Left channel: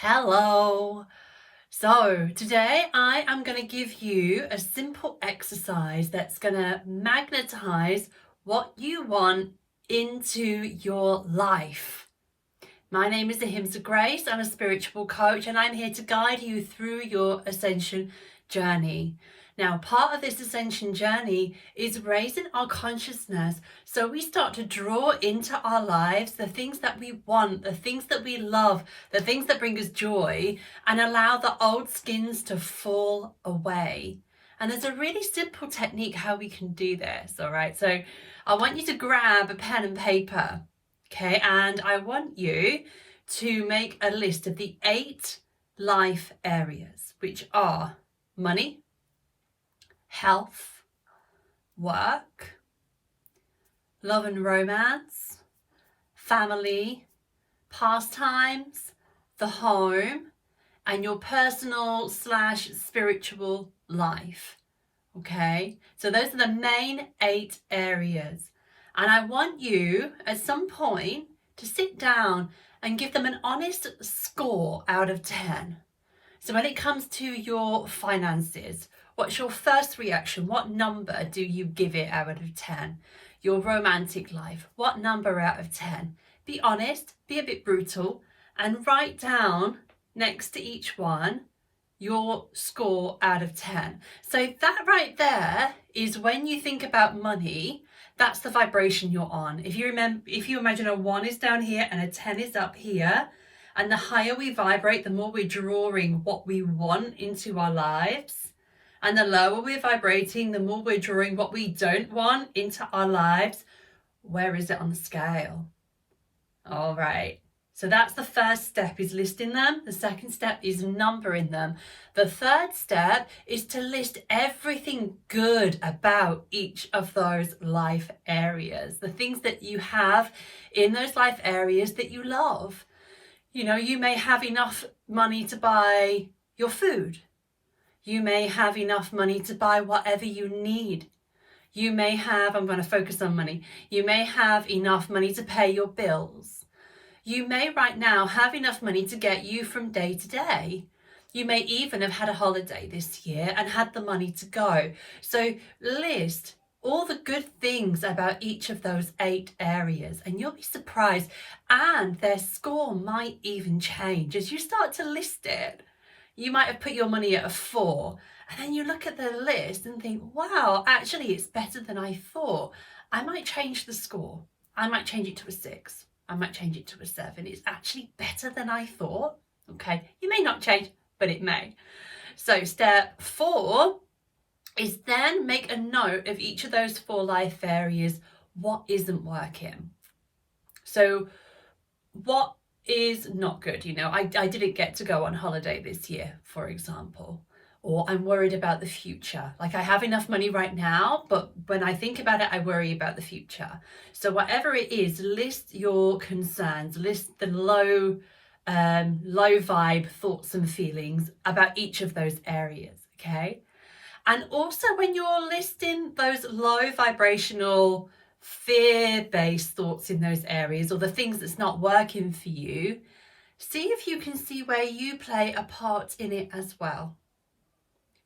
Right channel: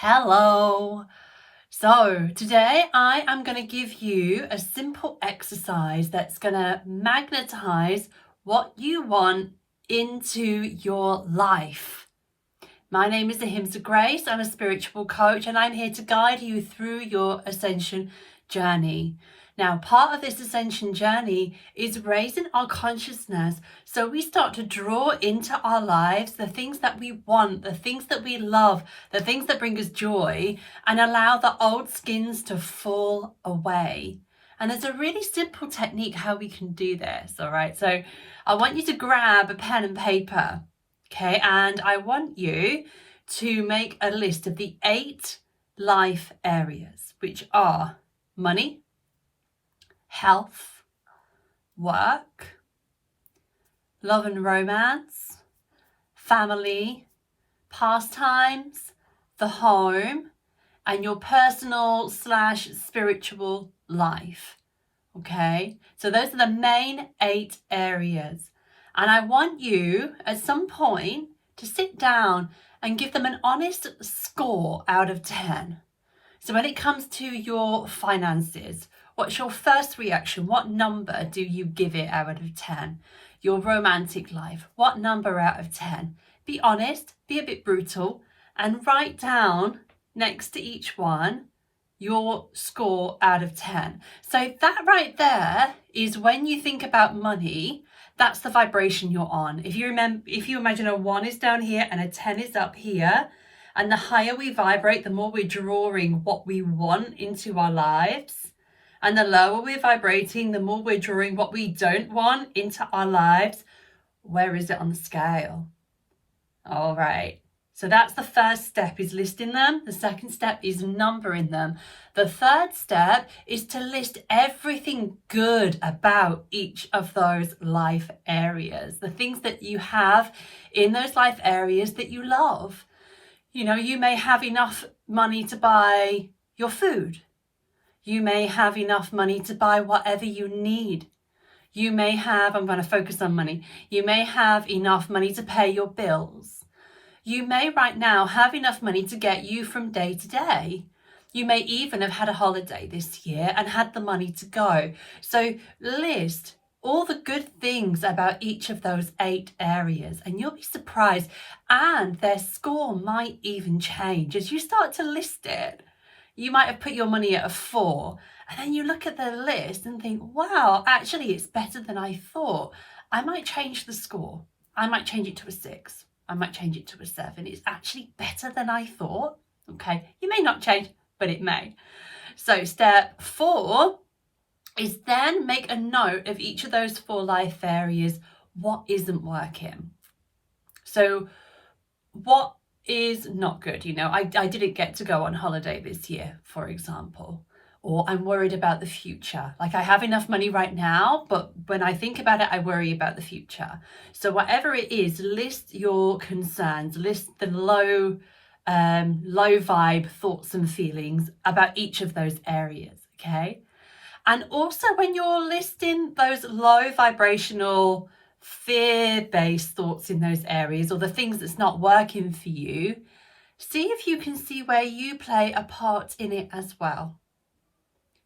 Hello. So today I am going to give you a simple exercise that's going to magnetize what you want into your life. My name is Ahimsa Grace. I'm a spiritual coach and I'm here to guide you through your ascension journey. Now, part of this ascension journey is raising our consciousness so we start to draw into our lives the things that we want, the things that we love, the things that bring us joy, and allow the old skins to fall away. And there's a really simple technique how we can do this, all right? So I want you to grab a pen and paper, okay? And I want you to make a list of the 8 life areas, which are money, health, work, love and romance, family, pastimes, the home, and your personal/spiritual life. Okay, so those are the main 8 areas. And I want you at some point to sit down and give them an honest score out of 10. So when it comes to your finances, what's your first reaction? What number do you give it out of 10? Your romantic life, what number out of 10? Be honest, be a bit brutal, and write down next to each one your score out of 10. So that right there is when you think about money, that's the vibration you're on. If you imagine a 1 is down here and a 10 is up here, and the higher we vibrate, the more we're drawing what we want into our lives. And the lower we're vibrating, the more we're drawing what we don't want into our lives. Where is it on the scale? All right. So that's the first step, is listing them. The second step is numbering them. The third step is to list everything good about each of those life areas. The things that you have in those life areas that you love. You know, you may have enough money to buy your food. You may have enough money to buy whatever you need. You may have, I'm going to focus on money. You may have enough money to pay your bills. You may right now have enough money to get you from day to day. You may even have had a holiday this year and had the money to go. So list all the good things about each of those 8 areas, and you'll be surprised, and their score might even change as you start to list it. You might have put your money at a 4, and then you look at the list and think, wow, actually it's better than I thought. I might change the score. I might change it to a 6. I might change it to a 7. It's actually better than I thought. Okay, you may not change, but it may. So step 4 is then make a note of each of those 4 life areas, what isn't working. So what is not good? You know, I didn't get to go on holiday this year, for example, or I'm worried about the future. Like, I have enough money right now, but when I think about it, I worry about the future. So whatever it is, list your concerns, list the low vibe thoughts and feelings about each of those areas, okay? And also when you're listing those low vibrational fear-based thoughts in those areas, or the things that's not working for you, see if you can see where you play a part in it as well.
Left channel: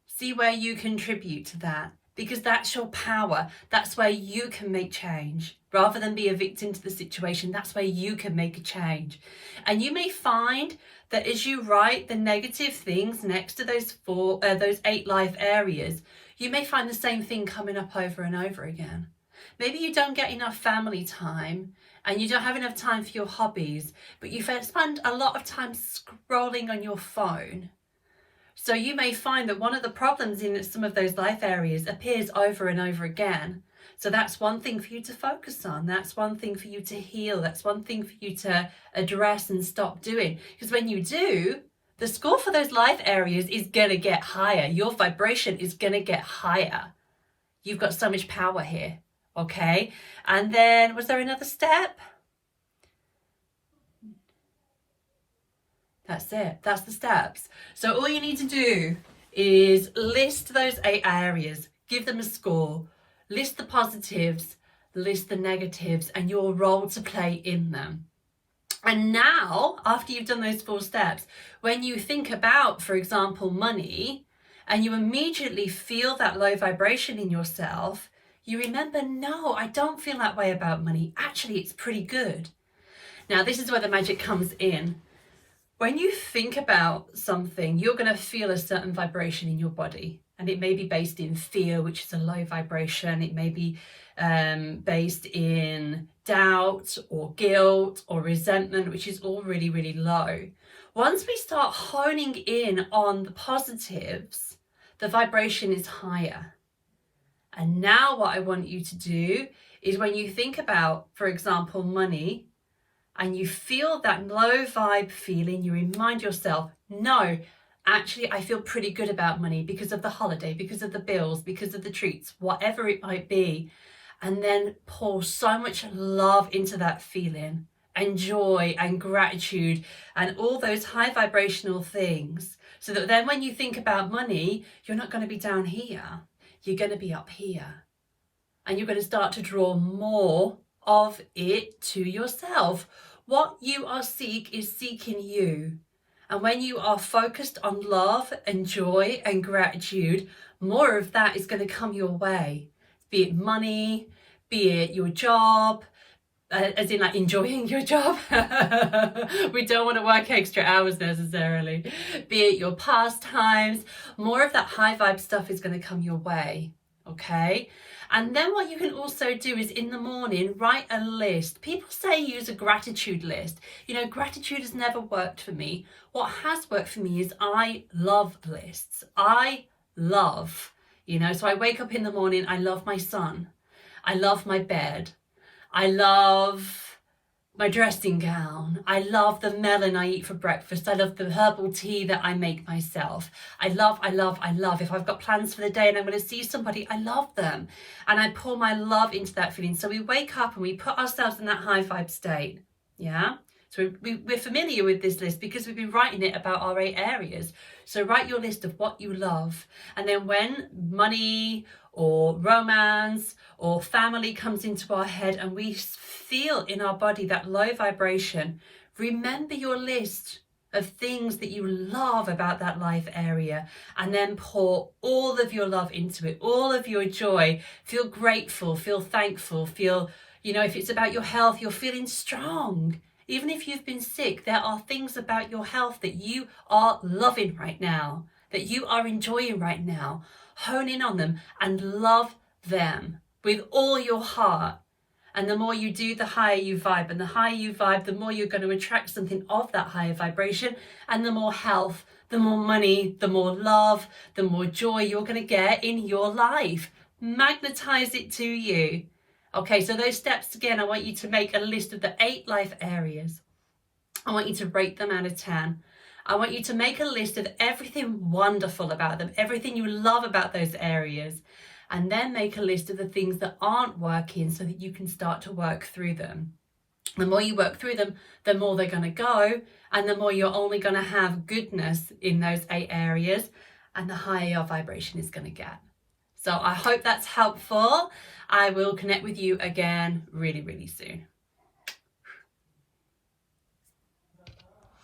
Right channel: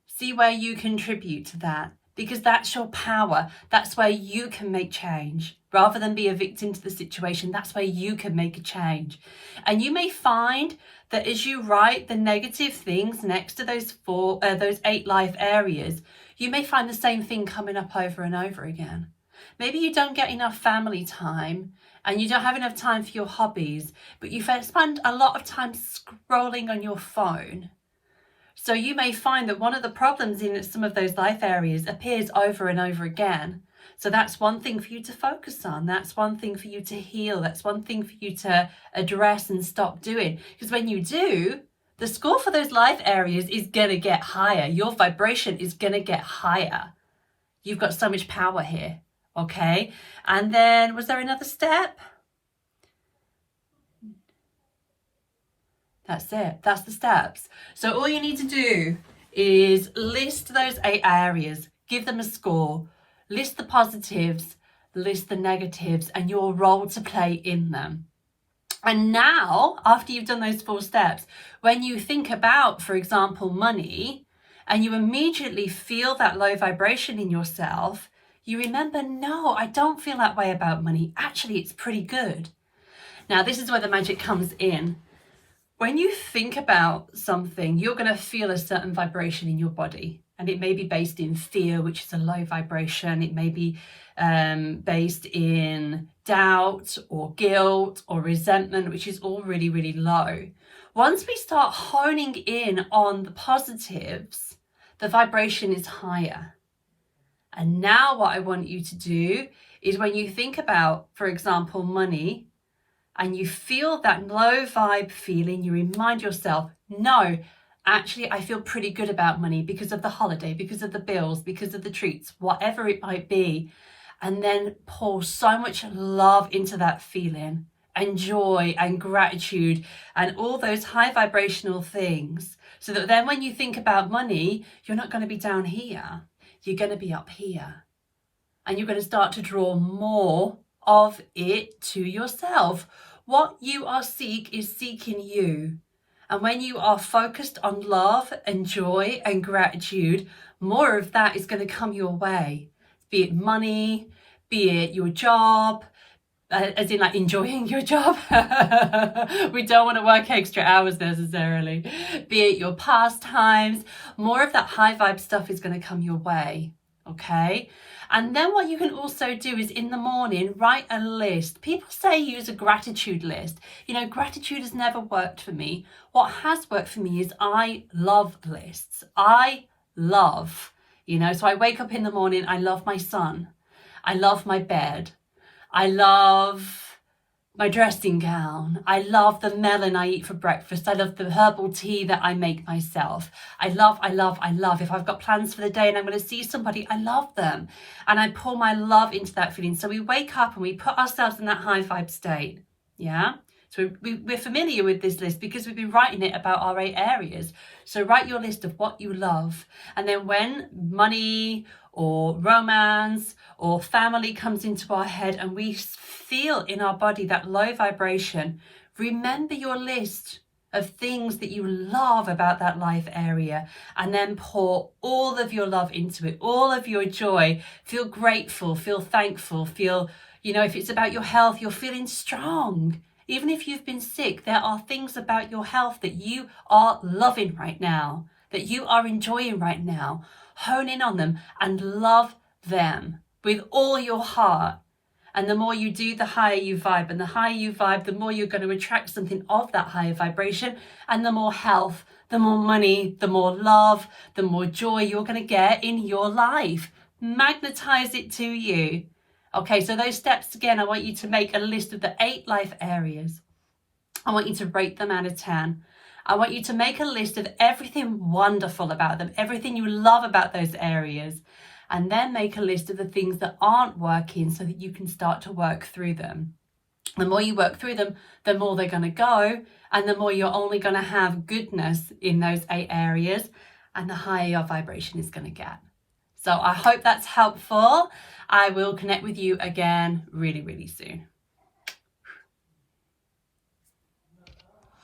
See where you contribute to that, because that's your power. That's where you can make change. Rather than be a victim to the situation, that's where you can make a change. And you may find that as you write the negative things next to those 8 life areas, you may find the same thing coming up over and over again. Maybe you don't get enough family time and you don't have enough time for your hobbies, but you spend a lot of time scrolling on your phone. So you may find that one of the problems in some of those life areas appears over and over again. So that's one thing for you to focus on. That's one thing for you to heal. That's one thing for you to address and stop doing. Because when you do, the score for those life areas is going to get higher. Your vibration is going to get higher. You've got so much power here. Okay. And then was there another step? That's it. That's the steps. So all you need to do is list those 8 areas, give them a score, list the positives, list the negatives, and your role to play in them. And now, after you've done those 4 steps, when you think about, for example, money, and you immediately feel that low vibration in yourself, you remember, no, I don't feel that way about money. Actually, it's pretty good. Now, this is where the magic comes in. When you think about something, you're going to feel a certain vibration in your body. And it may be based in fear, which is a low vibration. It may be based in doubt or guilt or resentment, which is all really, really low. Once we start honing in on the positives, the vibration is higher. And now what I want you to do is, when you think about, for example, money, and you feel that low vibe feeling, you remind yourself, no, actually, I feel pretty good about money because of the holiday, because of the bills, because of the treats, whatever it might be. And then pour so much love into that feeling, and joy and gratitude and all those high vibrational things, so that then when you think about money, you're not going to be down here, you're going to be up here. And you're going to start to draw more of it to yourself. What you are seeking you. And when you are focused on love and joy and gratitude, more of that is going to come your way. Be it money, be it your job, as in like enjoying your job. We don't want to work extra hours necessarily. Be it your pastimes, more of that high vibe stuff is going to come your way. Okay. And then what you can also do is, in the morning, write a list. People say use a gratitude list. You know, gratitude has never worked for me. What has worked for me is I love lists. I love, so I wake up in the morning, I love my son. I love my bed. I love my dressing gown. I love the melon I eat for breakfast. I love the herbal tea that I make myself. I love. If I've got plans for the day and I'm going to see somebody, I love them. And I pour my love into that feeling. So we wake up and we put ourselves in that high vibe state. Yeah. So we're familiar with this list because we've been writing it about our 8 areas. So write your list of what you love. And then when money or romance or family comes into our head and we feel in our body that low vibration, remember your list of things that you love about that life area, and then pour all of your love into it, all of your joy. Feel grateful, feel thankful, feel, if it's about your health, you're feeling strong. Even if you've been sick, there are things about your health that you are loving right now, that you are enjoying right now. Hone in on them and love them with all your heart. And the more you do, the higher you vibe. And the higher you vibe, the more you're going to attract something of that higher vibration. And the more health, the more money, the more love, the more joy you're going to get in your life. Magnetize it to you. Okay, so those steps again, I want you to make a list of the 8 life areas. I want you to rate them out of 10. I want you to make a list of everything wonderful about them, everything you love about those areas, and then make a list of the things that aren't working so that you can start to work through them. The more you work through them, the more they're going to go, and the more you're only going to have goodness in those 8 areas, and the higher your vibration is going to get. So I hope that's helpful. I will connect with you again really, really soon.